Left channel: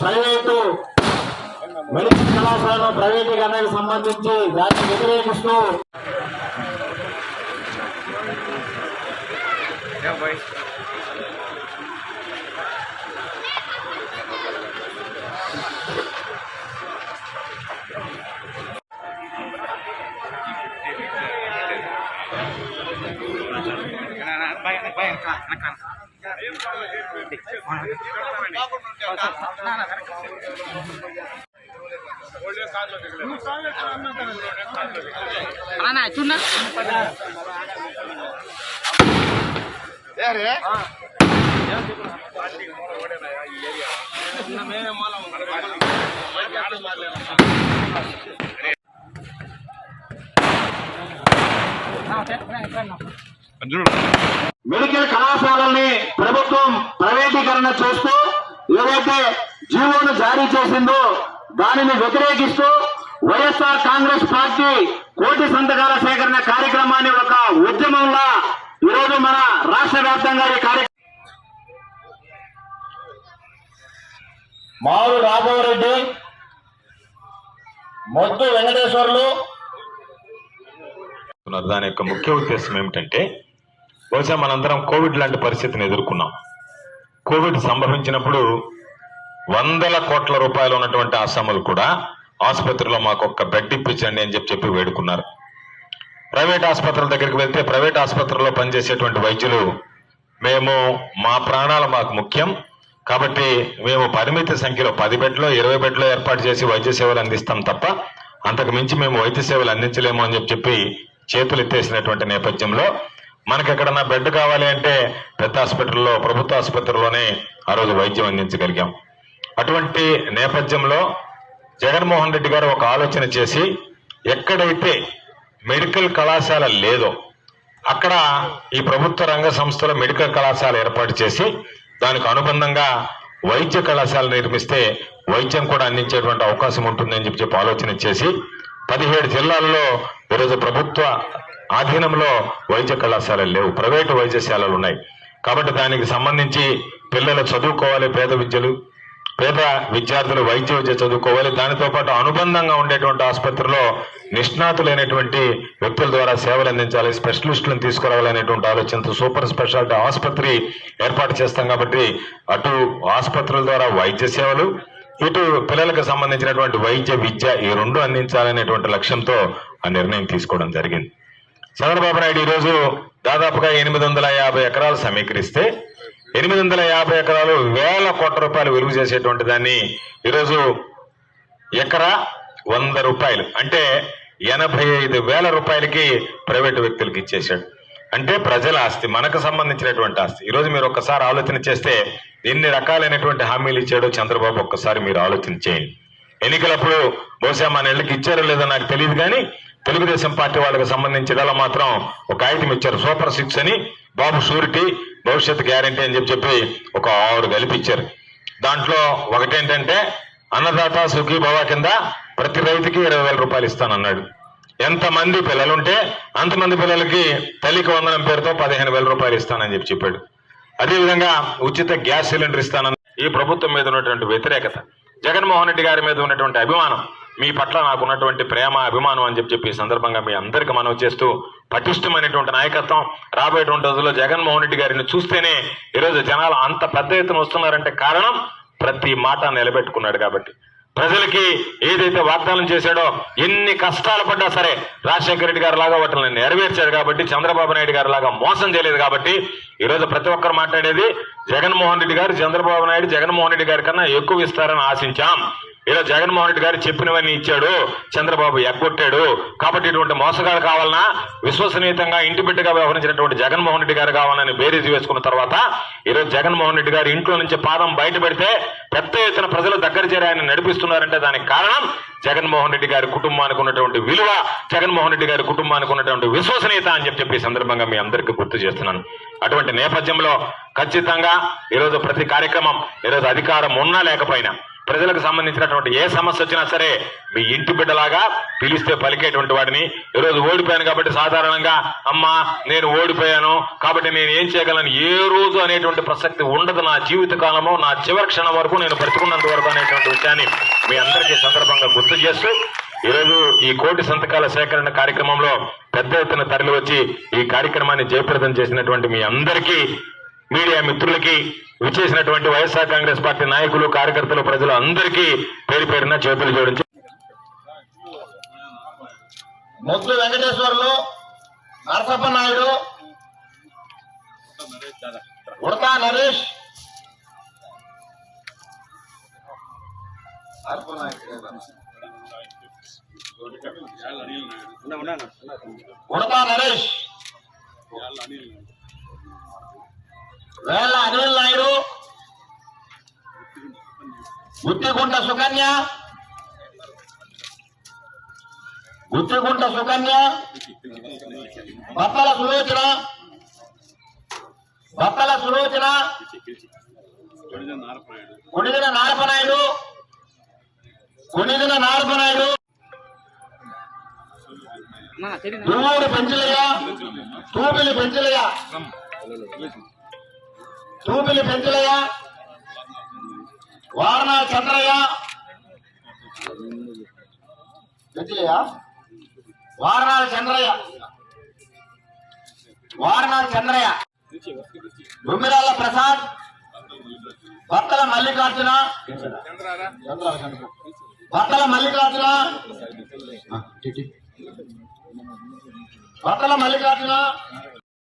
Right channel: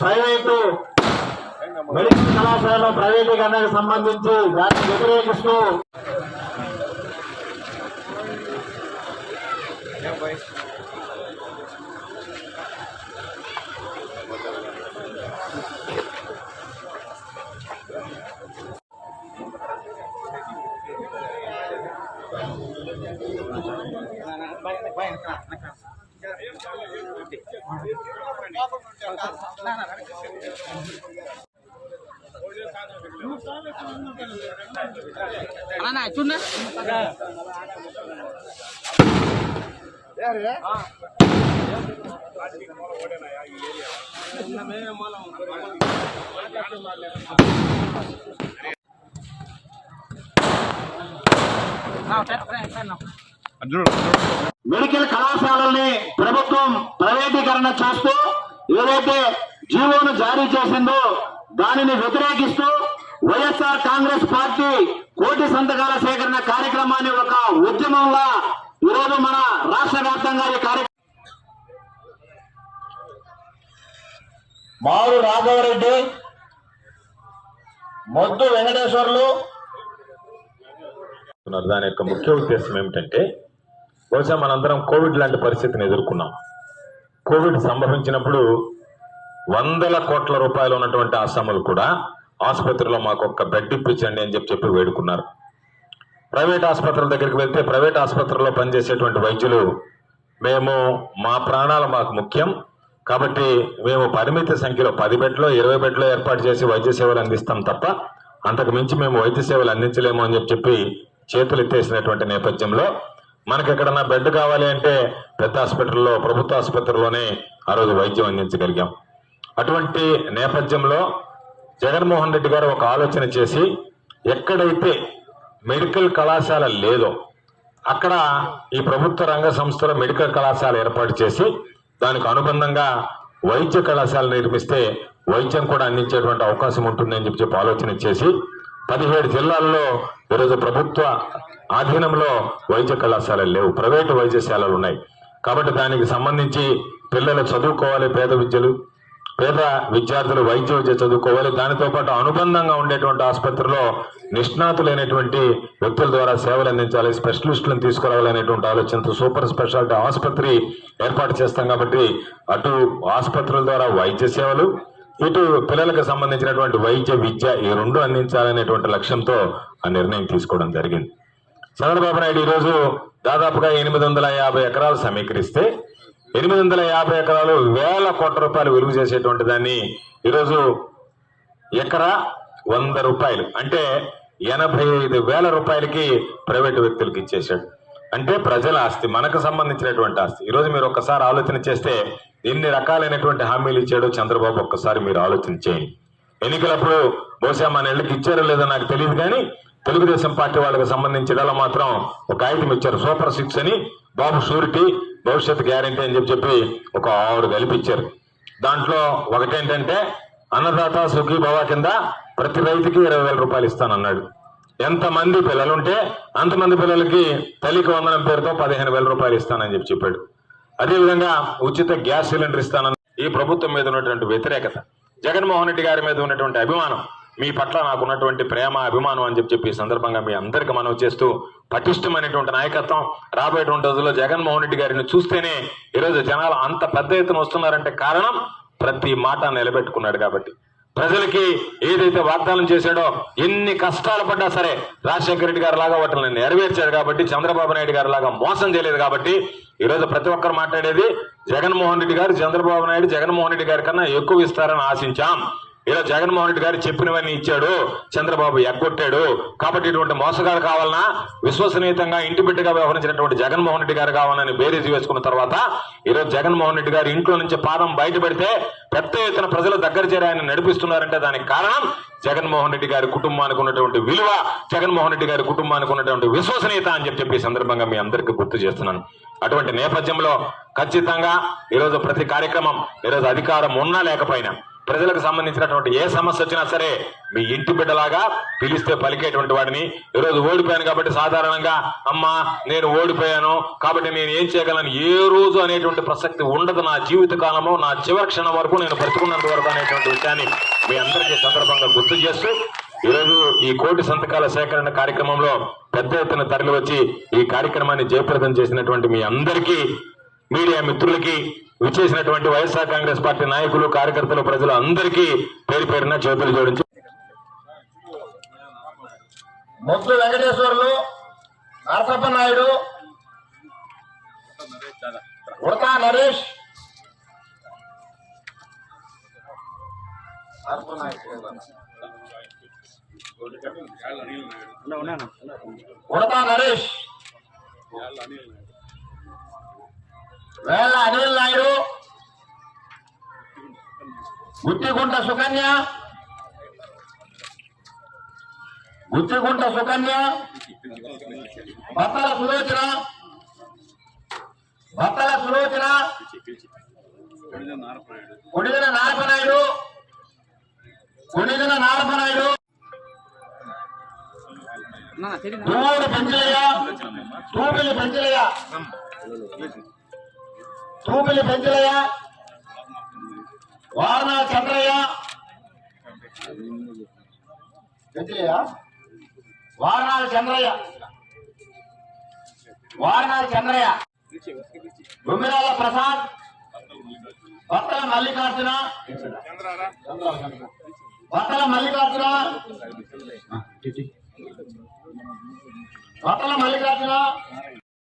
Private medical కళాశాల ప్రైవేటీకరణకు సంబంధించి దాన్ని వ్యతిరేకిస్తూ మెడికల్ కళాశాలని ప్రభుత్వం ప్రైవేటీకరణ చేస్తూ ఏదైతే జీవోను జారీ చేసిందో దానిని వ్యతిరేకిస్తూ వైఎస్ఆర్ కాంగ్రెస్ పార్టీ కోటి సంతకాల సేకరణ కార్యక్రమాన్ని ఒక ఉద్యమంలా ఈరోజు మన రాష్ట్ర వ్యాప్తంగా ఈ కార్యక్రమం మారు రాఘవరెడ్డి, మొద్దు వెంకటేశ్వర్లు. దాని యొక్క ముఖ్య ఉద్దేశం ఏమిటంటే, బహుశా మనందరం కోవిడ్ లాంటి పరిస్థితిని ఎదుర్కొన్నాం. కోవిడ్ సంభవించినప్పుడు 100 కోట్ల రూపాయలు ఉన్నటువంటి ఆసాములు కూడా ఆసుపత్రిలో మాకు ఒక్క బెడ్ ఇప్పించండి అని చెప్పి వేడుకున్నారు. ప్రైవేట్ ఆసుపత్రుల దగ్గరికి వెళ్తే ప్రైవేట్ ఆసుపత్రిలో పనిచేసేటువంటి వైద్యులు, మేము మా ప్రాణాలు మాకు ముఖ్యం కాబట్టి మేము పరిమిత సంఖ్యలో 10 బెడ్లో 20 బెడ్లో ఏర్పాటు చేసి వైద్య సేవలు అందిస్తాం తప్ప అంతకు మించి మేము వైద్య సేవలు అందించలేము అని చెప్పి చేతులు ఎత్తేసినటువంటి నేపథ్యంలో మనకి ఎక్కడన్నా బెడ్ కావాలి అంటే పెద్ద హాస్పిటల్లో, ప్రభుత్వ ఆసుపత్రిలోనే ఆ రోజు వైద్యం అందించగలిగాం. అటువంటి నేపథ్యంలో జగన్మోహన్ రెడ్డి గారు ఒక ఆలోచన చేసి ఎక్కడైతే మెడికల్ కళాశాల లేదో అక్కడ ఈ ప్రభుత్వ రంగ సంస్థల మెడికల్ కళాశాల ఏర్పాటు చేసి దానికి అనుబంధంగా వైద్య కళాశాల నిర్మిస్తే వైద్యం కూడా అందించేటువంటి అవకాశం ఉంటుందని చెప్పి ఆలోచన చేసి 17 జిల్లాల్లో ఈరోజు ప్రభుత్వ ఆధీనంలో వైద్య కళాశాలలు లేవు, ప్రైవేటు వైద్యశాలలు ఉన్నాయి. కాబట్టి దానికి సంబంధించి పిల్లలు చదువుకోవాలి, పేద విద్యార్థులు వైద్య విద్య చదువుకోవాలి. దానితో పాటు అనుబంధంగా ఉండేటువంటి ఆసుపత్రిలో నిష్ణాతులైనటువంటి వ్యక్తుల ద్వారా సేవలు అందించాలి, స్పెషలిస్టులను తీసుకురావాలనేటువంటి ఆలోచనతో సూపర్ స్పెషాలిటీ ఆసుపత్రి ఏర్పాటు చేస్తాం. కాబట్టి అటు ఆసుపత్రుల ద్వారా వైద్య సేవలు, ఇటు పిల్లలకు సంబంధించినటువంటి వైద్య విద్య ఈ రెండు అందించాలనేటువంటి లక్ష్యంతో ఆ నిర్ణయం తీసుకోవడం జరిగింది. చంద్రబాబు నాయుడు ఈరోజు దాదాపుగా 850 ఎకరాలు సమీకరిస్తే 850 ఎకరాలు 1000 కోట్ల రూపాయలు విలువ చేసేటువంటి దాన్ని ఈరోజు ఎకరా 100 రూపాయలు అంటే 85,000 రూపాయలకి ప్రైవేటు వ్యక్తులకు ఇచ్చేశాడు. అంటే ప్రజల ఆస్తి, మనకు సంబంధించినటువంటి ఆస్తి. ఈరోజు మీరు ఒక్కసారి ఆలోచన చేస్తే ఎన్ని రకాలైనటువంటి హామీలు ఇచ్చాడో చంద్రబాబు ఒక్కసారి మీరు ఆలోచన చేయండి. ఎన్నికలప్పుడు బహుశా మన ఇళ్ళకి ఇచ్చారో లేదో నాకు తెలియదు కానీ తెలుగుదేశం పార్టీ వాళ్ళకి సంబంధించిన మాత్రం ఒక కాగితం ఇచ్చారు, సూపర్ 6 అని, బాబు షూరిటీ, భవిష్యత్ గ్యారంటీ అని చెప్పి ఒక 6 కలిపి ఇచ్చారు. దాంట్లో ఒకటేంటంటే అన్నదాత సుఖీ భవ కింద ప్రతి రైతుకి 20,000 రూపాయలు ఇస్తానన్నాడు. ఎంతమంది పిల్లలుంటే అంతమంది పిల్లలకి తల్లికి వందనం పేరుతో 15,000 రూపాయలు ఇస్తానని చెప్పాడు. అదేవిధంగా ఉచిత గ్యాస్ సిలిండర్ ఇస్తానని. ఈ ప్రభుత్వం మీద ఉన్నటువంటి వ్యతిరేకత, జగన్మోహన్ రెడ్డి గారి మీద ఉన్నటువంటి అభిమానం, మీ పట్ల నాకున్నటువంటి ప్రేమ అభిమానం అని చెప్పి ఈ సందర్భంగా మీ అందరికీ మనవి చేస్తూ, పటిష్టమైనటువంటి నాయకత్వం రాబోయేటువంటి రోజుల్లో జగన్మోహన్ రెడ్డి గారిని చూస్తేనే ఈరోజు జనాలు అంత పెద్ద ఎత్తున వస్తున్నారంటే కారణం ప్రతి మాట నిలబెట్టుకున్నాడు కాబట్టి. ప్రజలకి ఏదైతే వాగ్దానం చేశాడో, ఎన్ని కష్టాలు పడ్డా సరే రాజశేఖర రెడ్డి గారి లాగా వాటిని నెరవేర్చాడు కాబట్టి, చంద్రబాబు నాయుడు గారి లాగా మోసం చేయలేదు కాబట్టి ఈరోజు ప్రతి ఒక్కరు మాట్లాడేది జగన్మోహన్ రెడ్డి గారు, చంద్రబాబు నాయుడు జగన్మోహన్ రెడ్డి గారి కన్నా ఎక్కువ ఇస్తారని ఆశించాం. ఇలా జగన్మోహన్ రెడ్డి గారు చెప్పినవన్నీ ఇచ్చాడు, చంద్రబాబు ఎగ్గొట్టాడు. కాబట్టి ఇటువంటి మోసగాడు కావాలన్నా విశ్వసనీయంగా ఇంటి బిడ్డగా వ్యవహరించినటువంటి జగన్మోహన్ రెడ్డి గారు కావాలని బేరీజు వేసుకున్న తర్వాత ఈరోజు జగన్మోహన్ రెడ్డి గారు ఇంట్లో నుంచి పాదం బయట పెడితే పెద్ద ఎత్తున ప్రజలు దగ్గర చేరి ఆయన నడిపిస్తున్నారంటే దానికి కారణం జగన్మోహన్ రెడ్డి గారి కుటుంబానికి ఉన్నటువంటి విలువ, జగన్మోహన్ రెడ్డి గారి కుటుంబానికి ఉన్నటువంటి విశ్వసనీయత అని చెప్పి ఈ సందర్భంగా మీ అందరికీ గుర్తు చేస్తున్నాను. అటువంటి నేపథ్యంలో ఖచ్చితంగా ఈరోజు ప్రతి కార్యక్రమం, ఈరోజు అధికారం ఉన్నా లేకపోయినా ప్రజలకు సంబంధించినటువంటి ఏ సమస్య వచ్చినా సరే మీ ఇంటి బిడ్డలాగా పిలిస్తే పలికేటువంటి వాడిని. ఈరోజు ఓడిపోయాను కాబట్టి సాధారణంగా అమ్మా నేను ఓడిపోయాను కాబట్టి నేను ఏం చేయగలను ఏ రోజు అనేటువంటి ప్రసక్తి ఉండదు. నా జీవిత కాలము నా చివరి క్షణం వరకు నేను బ్రతుకున్నంత వరకు అనేటువంటి విషయాన్ని మీ అందరికీ సందర్భంగా గుర్తు చేస్తూ ఈరోజు ఈ కోటి సంతకాల సేకరణ కార్యక్రమంలో పెద్ద ఎత్తున తరలి వచ్చి ఈ కార్యక్రమాన్ని జయప్రదం చేసినటువంటి మీ అందరికీ, మీడియా మిత్రులకి, విచ్చేసినటువంటి వైఎస్ఆర్ కాంగ్రెస్ పార్టీ నాయకులు, కార్యకర్తలు, ప్రజలు అందరికీ పేరు పేరున చేతులు జోడించి మొద్దు వెంకటేశ్వర్లు, నరసప్ప నాయుడు, ఉడతా నరేష్, ఉడతా నరేష్, వేళ్ళ అనిల్ నాయుడు, గుత్తిగుంట సుకన్య, బత్తల సులోచన, కొణిదెల నారపనాయుడు, దువ్వూరు పెంచలయ్య, తూపిలి పెంచలయ్య, వారణాల చంద్రయ్య, గుమ్మిరాల ప్రసాద్, బత్తల మల్లికార్జున,